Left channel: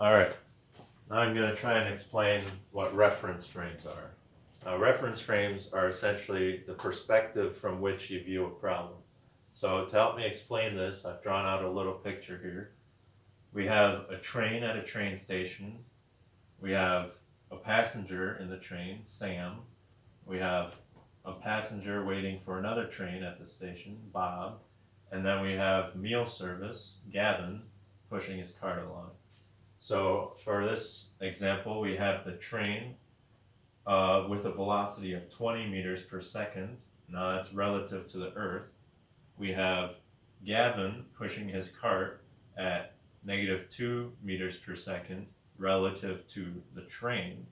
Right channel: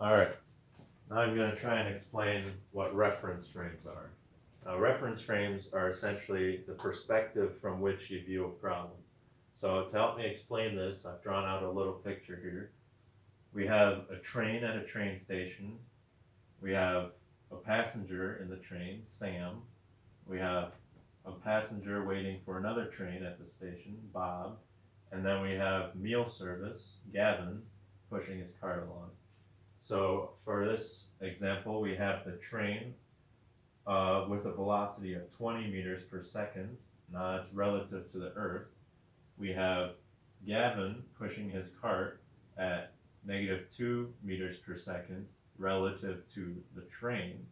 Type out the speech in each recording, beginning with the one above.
All right, now I'm going to try and explain what reference frames are. Reference frames are essentially the perspective from which you view a problem. So to help me explain this, I've drawn out a little picture here. We have a train at a train station. We have a passenger in the train, Sam. We have a passenger waiting for another train at the station, Bob. And then we have meal service, Gavin, pushing his cart along. So for this example, we have the train with a velocity of 20 meters per second. Now that's relative to the Earth. We have Gavin pushing his cart at -2 meters per second relative to the train.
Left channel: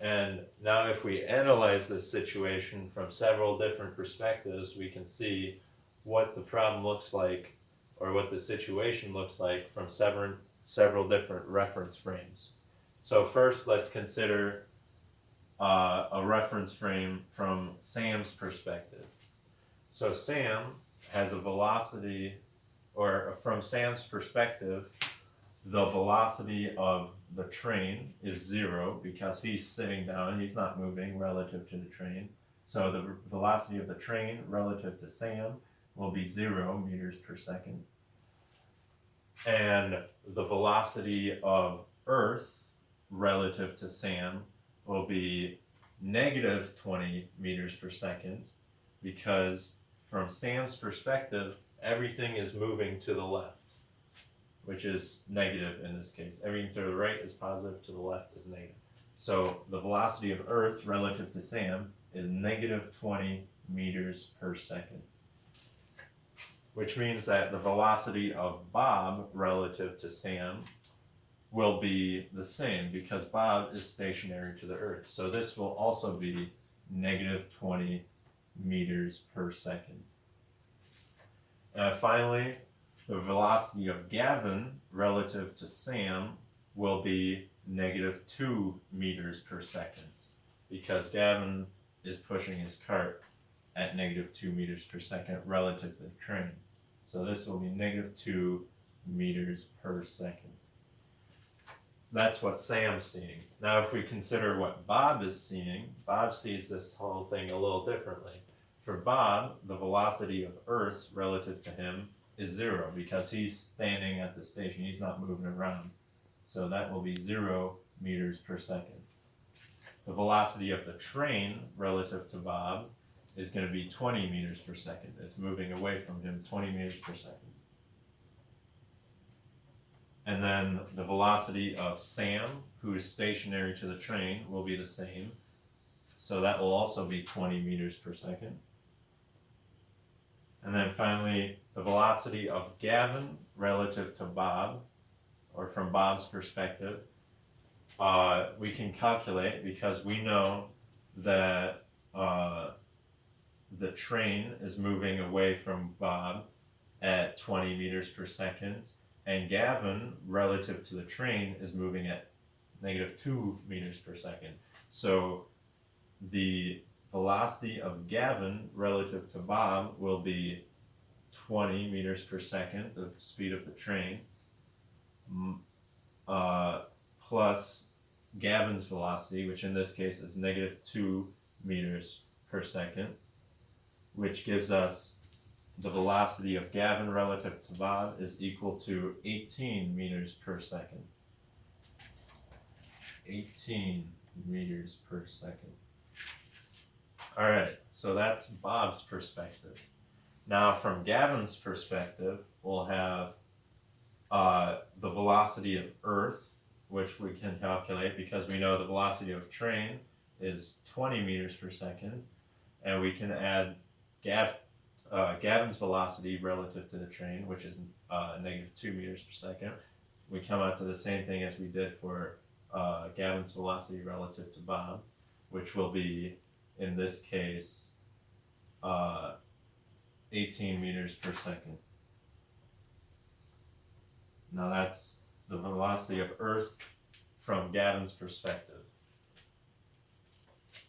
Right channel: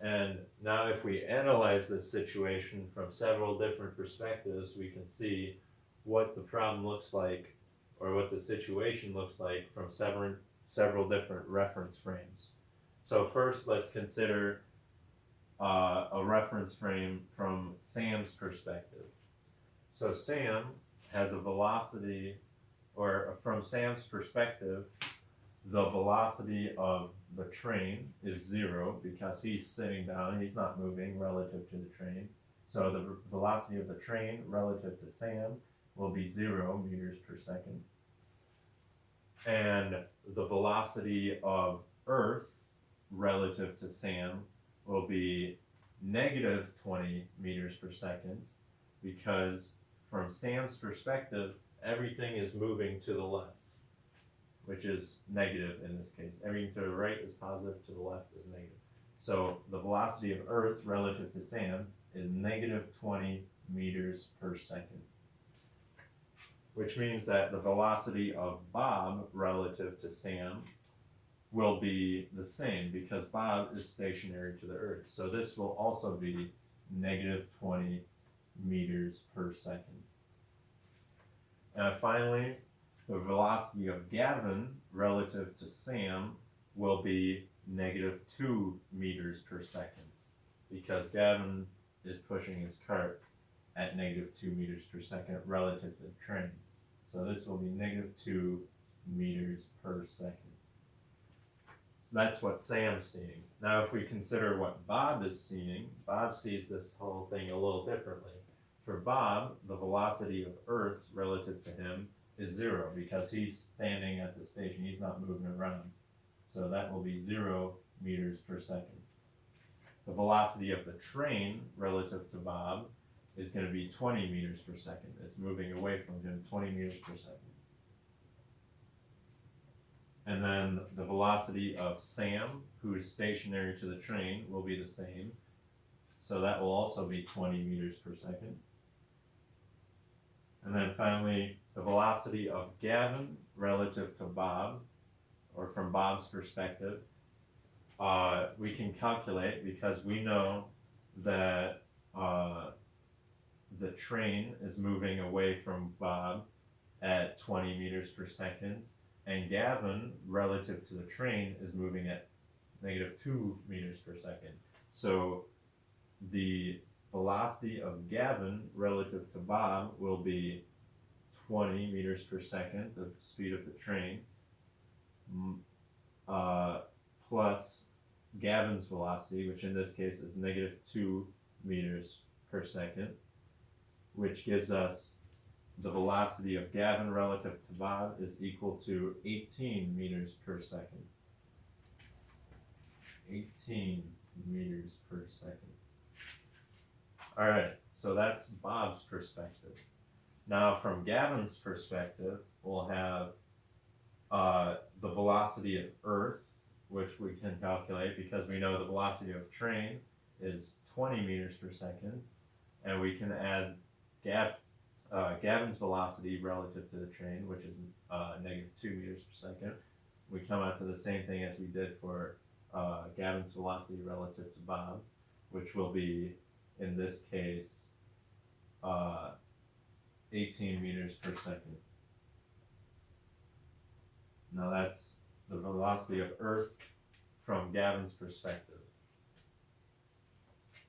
And now if we analyze this situation from several different perspectives, we can see what the problem looks like or what the situation looks like from several different reference frames. So first, let's consider a reference frame from Sam's perspective. So Sam has a velocity, or from Sam's perspective, the velocity of the train is 0 because he's sitting down, he's not moving relative to the train. So the velocity of the train relative to Sam will be 0 meters per second. And the velocity of Earth relative to Sam will be -20 meters per second because from Sam's perspective, everything is moving to the left, which is negative in this case. Everything to the right is positive, to the left is negative. So the velocity of Earth relative to Sam is -20 meters per second, which means that the velocity of Bob relative to Sam will be the same because Bob is stationary to the Earth. So this will also be -20 meters per second. Finally, the velocity of Gavin relative to Sam will be -2 meters per second because Gavin is pushing his cart at -2 meters per second relative to the train. So this will be -2 meters per second. So that's what Sam's seeing. Now if we consider what Bob is seeing, Bob sees this whole thing a little differently. For Bob, the velocity of Earth relative to him is 0 because he's standing at the station, he's not moving around. So that will be 0 meters per second. The velocity of the train relative to Bob is going to be 20 meters per second. It's moving away from him 20 meters per second. And then the velocity of Sam, who is stationary to the train, will be the same. So that will also be 20 meters per second. And then finally, the velocity of Gavin relative to Bob, or from Bob's perspective, we can calculate because we know that the train is moving away from Bob at 20 meters per second, and Gavin relative to the train is moving at -2 meters per second. So the velocity of Gavin relative to Bob will be 20 meters per second, the speed of the train, plus Gavin's velocity, which in this case is -2 meters per second, which gives us the velocity of Gavin relative to Bob is equal to 18 meters per second. 18 meters per second. All right, so that's Bob's perspective. Now from Gavin's perspective, we'll have the velocity of Earth, which we can calculate because we know the velocity of train is 20 meters per second, and we can add Gavin's velocity relative to the train, which is -2 meters per second. We come out to the same thing as we did for Gavin's velocity relative to Bob, which will be, in this case, 18 meters per second. Now that's the velocity of Earth from Gavin's perspective,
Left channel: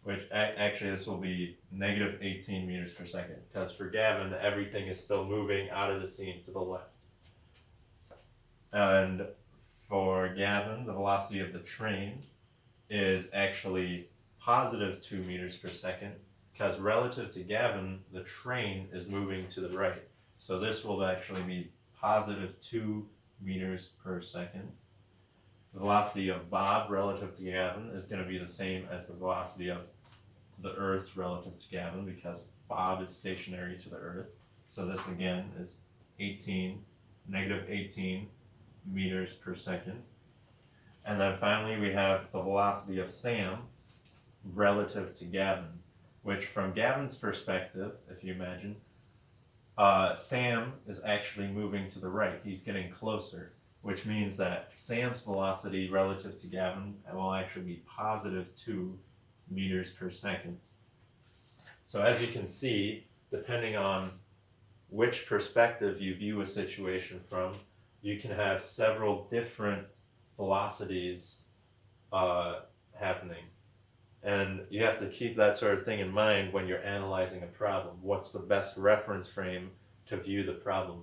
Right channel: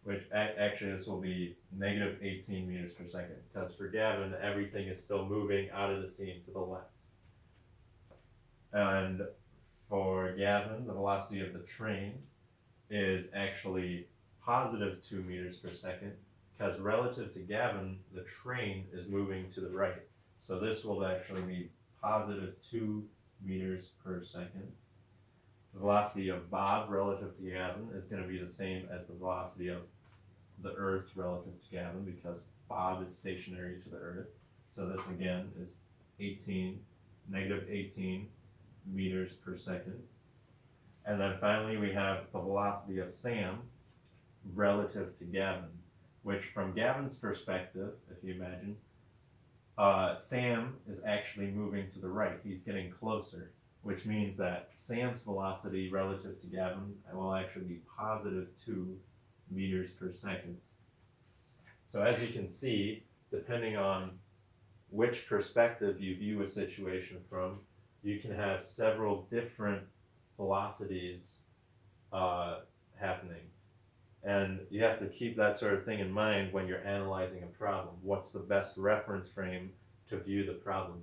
which actually this will be -18 meters per second, because for Gavin, everything is still moving out of the scene to the left. And for Gavin, the velocity of the train, is actually positive 2 meters per second, because relative to Gavin, the train is moving to the right. So this will actually be positive 2 meters per second. The velocity of Bob relative to Gavin is going to be the same as the velocity of the Earth relative to Gavin, because Bob is stationary to the Earth. So this again is negative 18 meters per second. And then finally we have the velocity of Sam relative to Gavin, which from Gavin's perspective, if you imagine, Sam is actually moving to the right. He's getting closer, which means that Sam's velocity relative to Gavin will actually be positive 2 meters per second. So as you can see, depending on which perspective you view a situation from, you can have several different velocities happening. And you have to keep that sort of thing in mind when you're analyzing a problem. What's the best reference frame to view the problem